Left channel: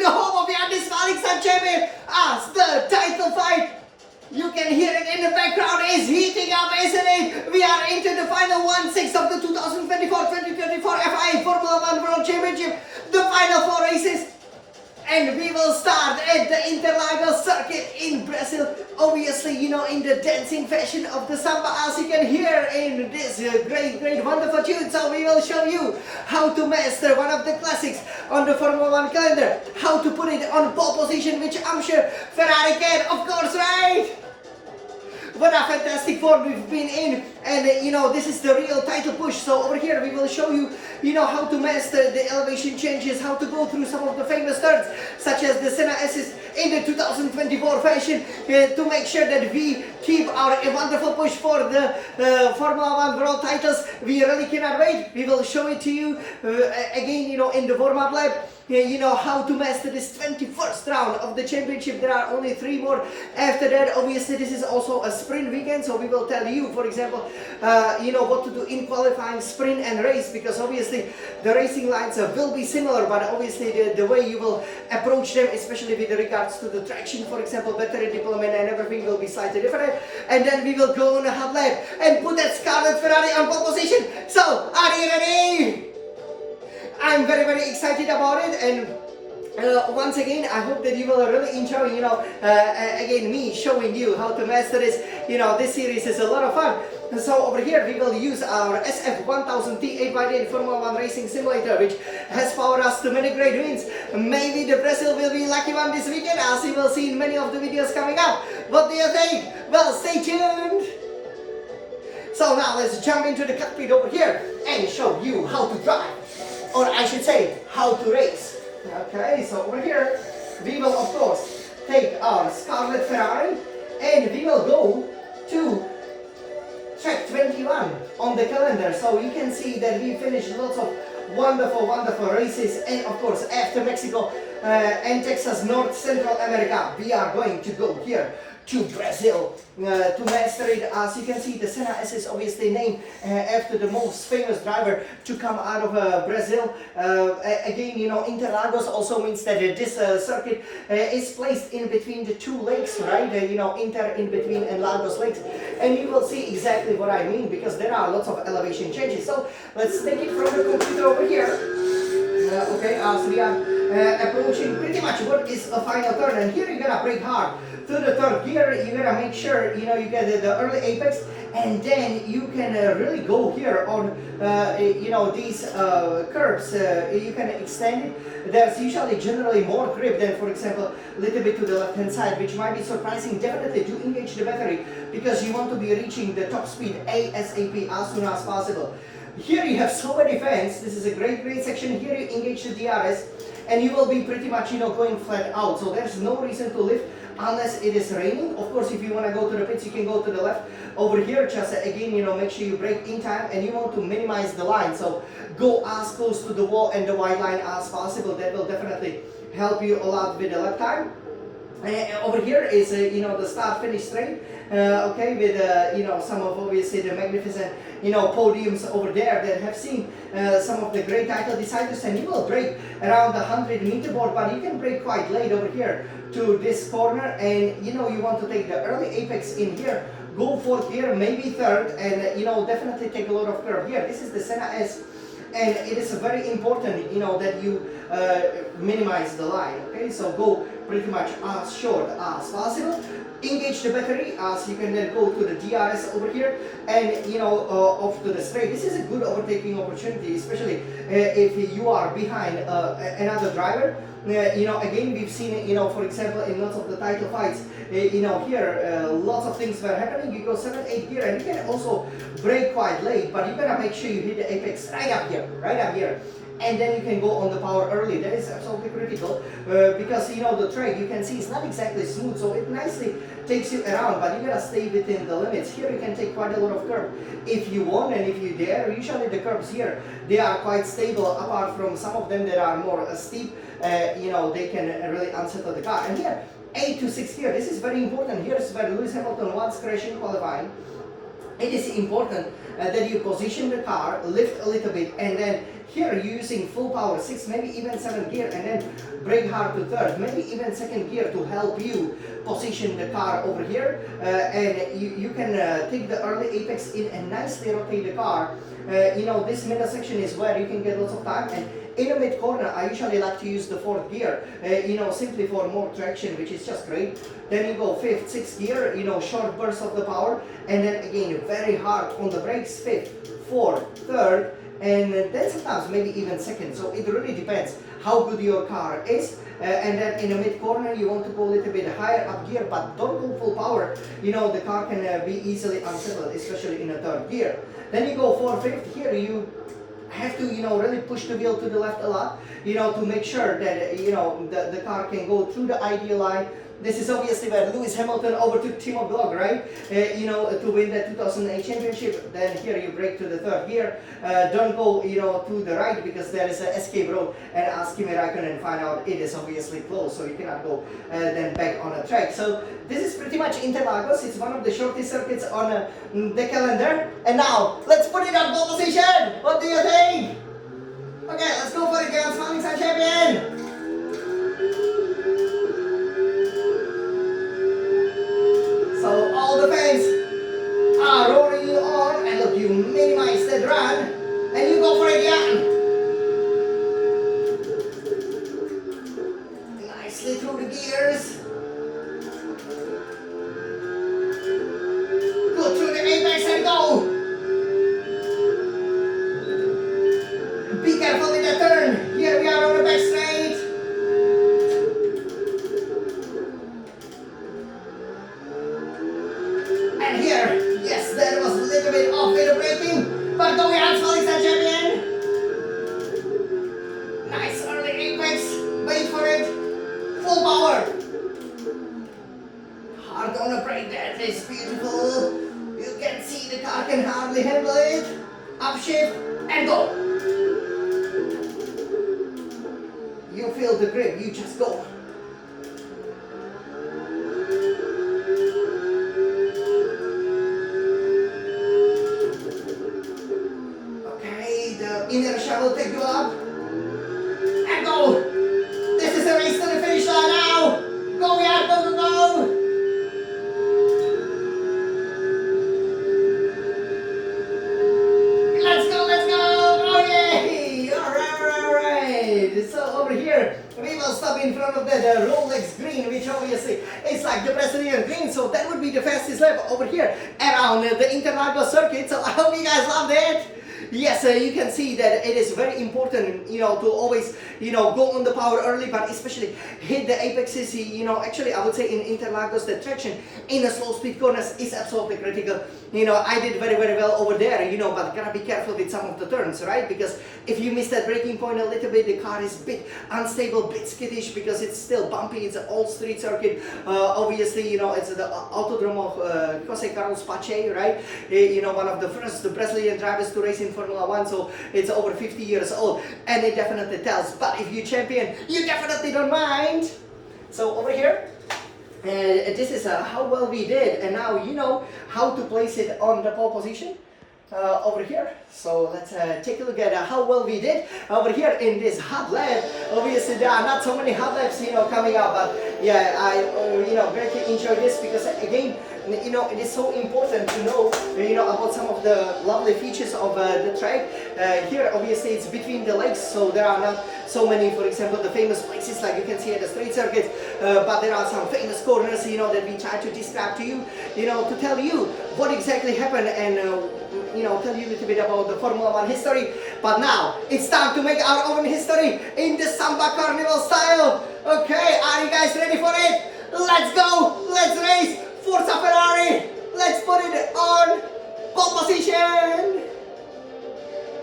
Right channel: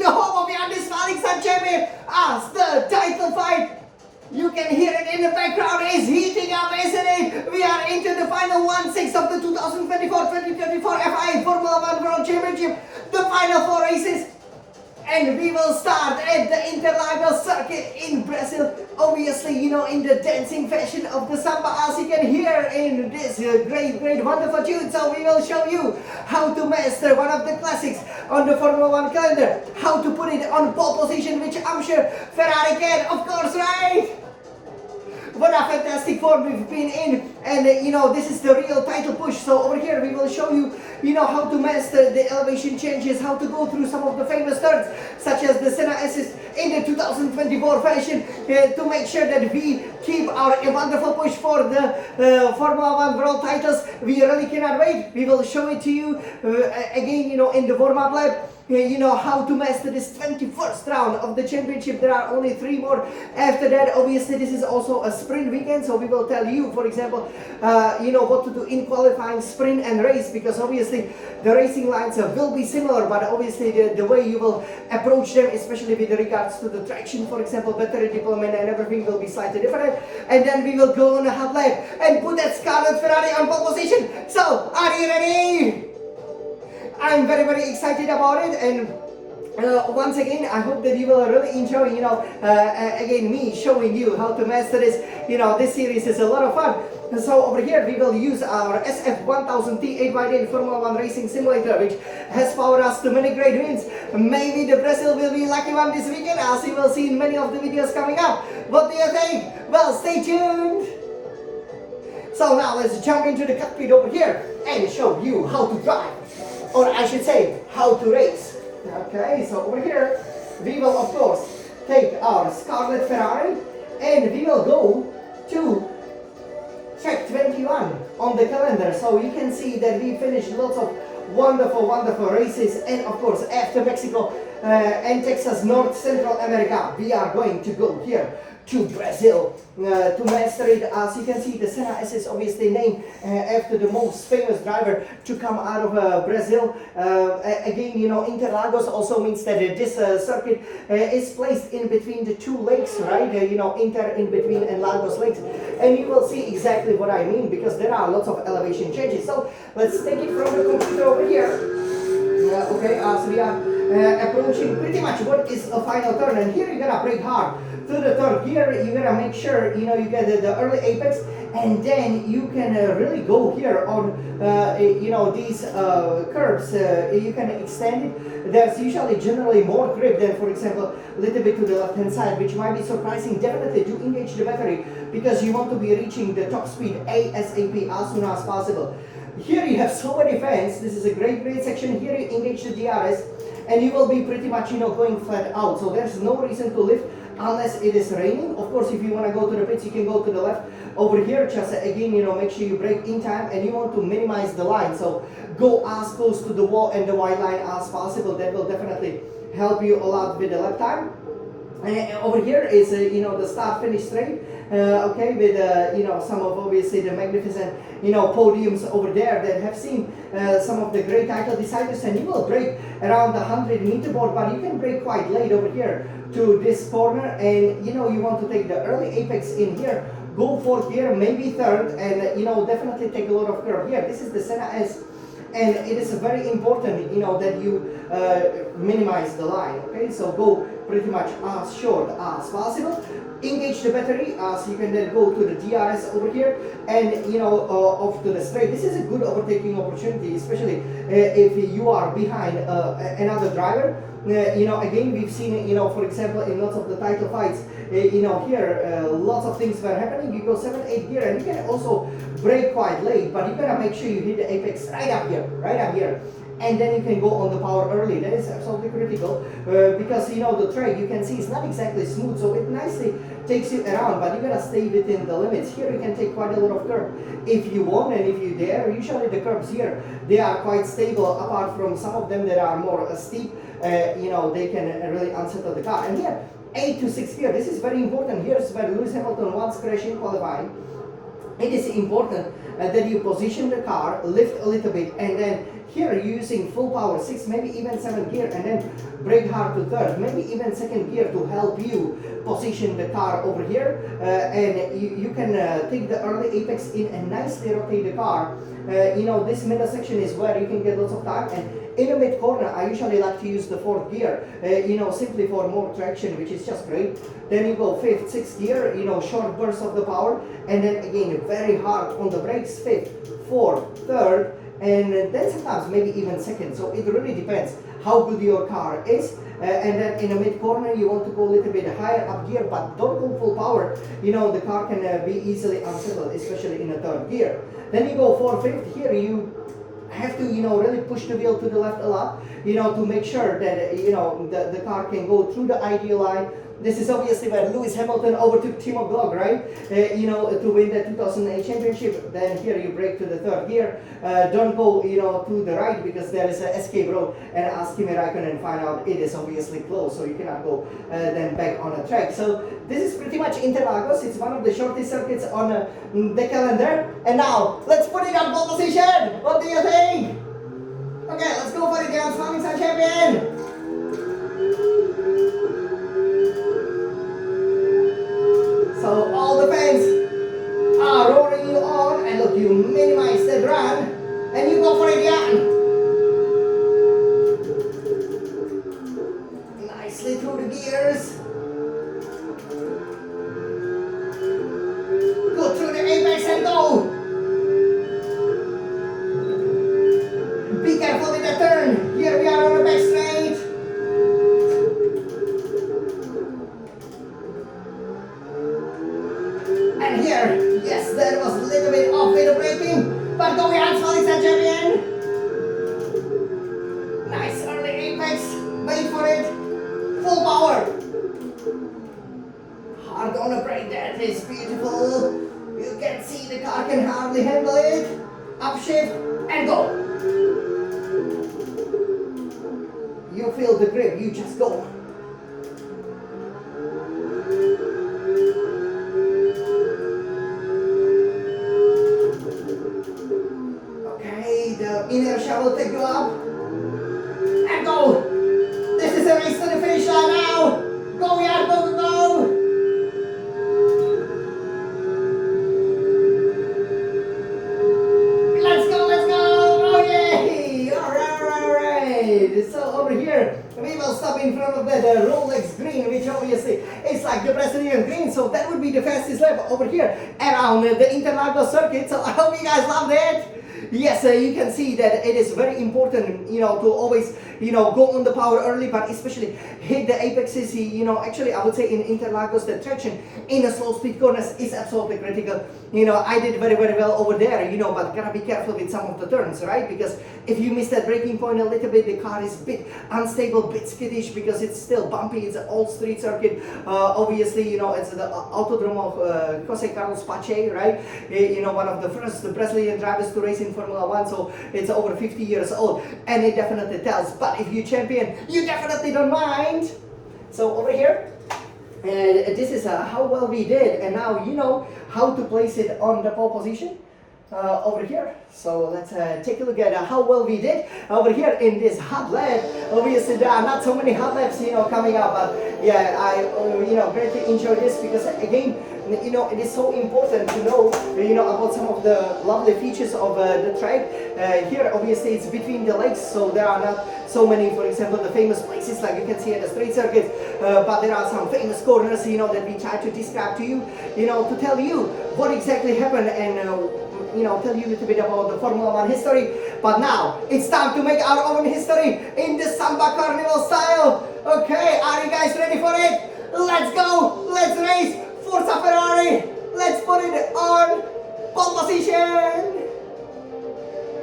the home of the undisqualified champion as the title fight. You can hear it in the background, is heating up, isn't it? We are into the final 1/6 of the 2024-2024 FIA Formula 1 World Championship, the final 4 races. And we will start at the Interlagos circuit in Brazil. Obviously, you know, in the dancing fashion of the samba, as you can hear in this great, wonderful tune. So we will show you how to master one of the classics on the Formula 1 calendar. How to put it on pole position, which I'm sure Ferrari can, of course, right? What a fantastic form we've been in, and you know, this is the real title push. So over here we will show you, you know, how to master the elevation changes, how to go through some of the famous turns, such as the Senna Assist in the 2024 fashion, to make sure that we keep our wonderful push for the Formula 1 World titles. We really cannot wait. We will show it to you again, you know, in the warm-up lap. You know, how to master this 21st round of the championship. There are only 3 more after that. Obviously, this is also a sprint weekend, so we will tell you, for example, you know, what to do in qualifying, sprint and race, because obviously the racing lines will be similar, but obviously the way you will approach them, especially with regards to the traction, for example, battery deployment and everything, will be slightly different. And then we will go on a hot lap and put that Scarlet Ferrari on pole position. So, are you ready? I'm very excited about it, and once again, I hope that you will really enjoy, you know, again, me showing you how to master this. You know, this series is a lot of fun. So over here we will use our SF1000T 8x8 Formula 1 Racing Simulator, which has powered us to many great wins. Maybe the Brazil will be lucky one this weekend, as you will see in many of the videos coming up. What do you think? Well, stay tuned. So now let's jump into the cockpit over here and show you how to drive. Or I should say, how to race. Okay, so over here, we will of course take our Scarlet Ferrari and we will go to track 21 on the calendar. So you can see that we finished lots of wonderful races, and of course after Mexico and Texas, North Central America, we are going to go here to Brazil to master it. As you can see, the Senna S is obviously named after the most famous driver to come out of Brazil. Again, you know, Interlagos also means that this circuit is placed in between the 2 lakes, right? You know, Inter in between and Lagos lakes. And you will see exactly what I mean, because there are lots of elevation changes. So let's take it from the computer over here. Okay, as we are approaching pretty much what is a final turn, and here you're gonna brake hard to the turn. Here you gotta make sure, you know, you get the early apex, and then you can really go here on you know, these curves. You can extend it. There's usually generally more grip than, for example, a little bit to the left hand side, which might be surprising. Definitely to engage the battery, because you want to be reaching the top speed ASAP, as soon as possible. Here you have so many fans. This is a great section. Here you engage the DRS, and you will be pretty much, you know, going flat out. So there's no reason to lift unless it is raining. Of course, if you want to go to the pits, you can go to the left. Over here, just again, you know, make sure you brake in time, and you want to minimize the line. So go as close to the wall and the white line as possible. That will definitely help you a lot with the lap time. Over here is you know, the start finish straight, okay, with you know, some of obviously the magnificent, you know, podiums over there that have seen some of the great title deciders. And you will brake around the 100-meter board, but you can brake quite late over here to this corner, and you know, you want to take the early apex in here, go fourth gear, maybe third, and you know, definitely take a lot of curve here. This is the Senna S, and it is very important, you know, that you minimize the line. Okay, so go pretty much as short as possible. Engage the battery, as you can then go to the DRS over here, and you know, off to the straight. This is a good overtaking opportunity, especially if you are behind another driver. You know, again, we've seen it, you know, for example, in lots of the title fights, you know, here lots of things were happening. You go 7, 8 gear, and you can also brake quite late, but you gotta make sure you hit the apex right up here, and then you can go on the power early. That is absolutely critical, because you know, the track, you can see, it's not exactly smooth, so it nicely takes you around, but you gotta stay within the limits. Here you can take quite a lot of curve if you want, and if you dare. Usually the curves here, they are quite stable, apart from some of them that are more steep. You know, they can really unsettle the car. And here, 8 to 6 gear, this is very important. Here's where Lewis Hamilton once crashed in qualifying. it is important that you position the car, lift a little bit, and then here you're using full power, 6, maybe even 7 gear, and then brake hard to third, maybe even second gear to help you position the car over here. And you can take the early apex in and nicely rotate the car. This middle section is where you can get lots of time, and in the mid corner I usually like to use the 4th gear, simply for more traction, which is just great. Then you go 5th, 6th gear, short burst of the power, and then again very hard on the brakes, 5th, 4th, 3rd, and then sometimes maybe even 2nd. So it really depends how good your car is. And then in the mid corner you want to go a little bit higher up gear, but don't go full power. The car can be easily unsettled, especially in the 3rd gear. Then you go 4th, 5th. Here you have to really push the wheel to the left a lot, to make sure that the car can go through the ideal line. This is obviously where Lewis Hamilton overtook Timo Glock, right? To win the 2008 championship. Then here you brake to the 3rd gear. Don't go, to the right, because there is an escape road, and ask Kimi Raikkonen find out it is obviously closed, so you cannot go then back on the track. So this is pretty much Interlagos. It's one of the shortest circuits on the calendar. And now let's put it on pole position. What do you think? Okay, let's go for it, guys. Smiling Sun Champion. So all the fans are roaring you on, and look, you minimize the run, and you go for it, Jan. Nicely through the gears. Go through the apex and go. Be careful with the turn. Here we are on the back straight. Yes, that was a little bit off with the braking, but go ahead, Smiling Sun Champion. Nice early apex, wait for it, full power. Hard on the brake, that is beautiful. You can see the car can hardly handle it. Upshift and go. You feel the grip, you just go. Inertia will take you up. And go. This is a race to the finish line now. Go, yeah, go, go, go. Let's go, let's go. Oh, yay. All right. So over here, we will stop in front of the Rolex green, which obviously is like the Brazilian green. So that would be the fastest lap over here around the Interlagos circuit. So I hope you guys loved it. Yes, you can see that it is very important, to always, go on the power early, but especially hit the apexes. Actually, I would say in Interlagos, the traction in the slow speed corners is absolutely critical. I did very, very well over there, but gotta be careful with some of the turns, right? Because if you miss that braking point a little bit, the car is a bit unstable, bit skittish, because it's still bumpy. It's an old street circuit. Obviously, it's the Autodrome of Jose Carlos Pache, right? One of the first Brazilian drivers to race in Formula 1, so it's over 50 years old, and it definitely tells. But if you champion, you definitely don't mind. So over here, this is how well we did, and now you know how to place it on the pole position. Over here, so let's take a look at how well we did over here in this hot lap. Obviously there are not so many hot laps coming up, but yeah, I greatly enjoy this, because again, it is so important to know about some of the lovely features of the track. Here obviously it's between the legs, so there are not so many, for example, the famous places like you can see at the straight circuit, but there are some famous corners that we try to describe to you, to tell you what exactly happened, and tell you a little bit about the Formula 1 history. But now it's time to make our own history in the Samba Carnival style. Okay, are you guys ready for it? Let's go!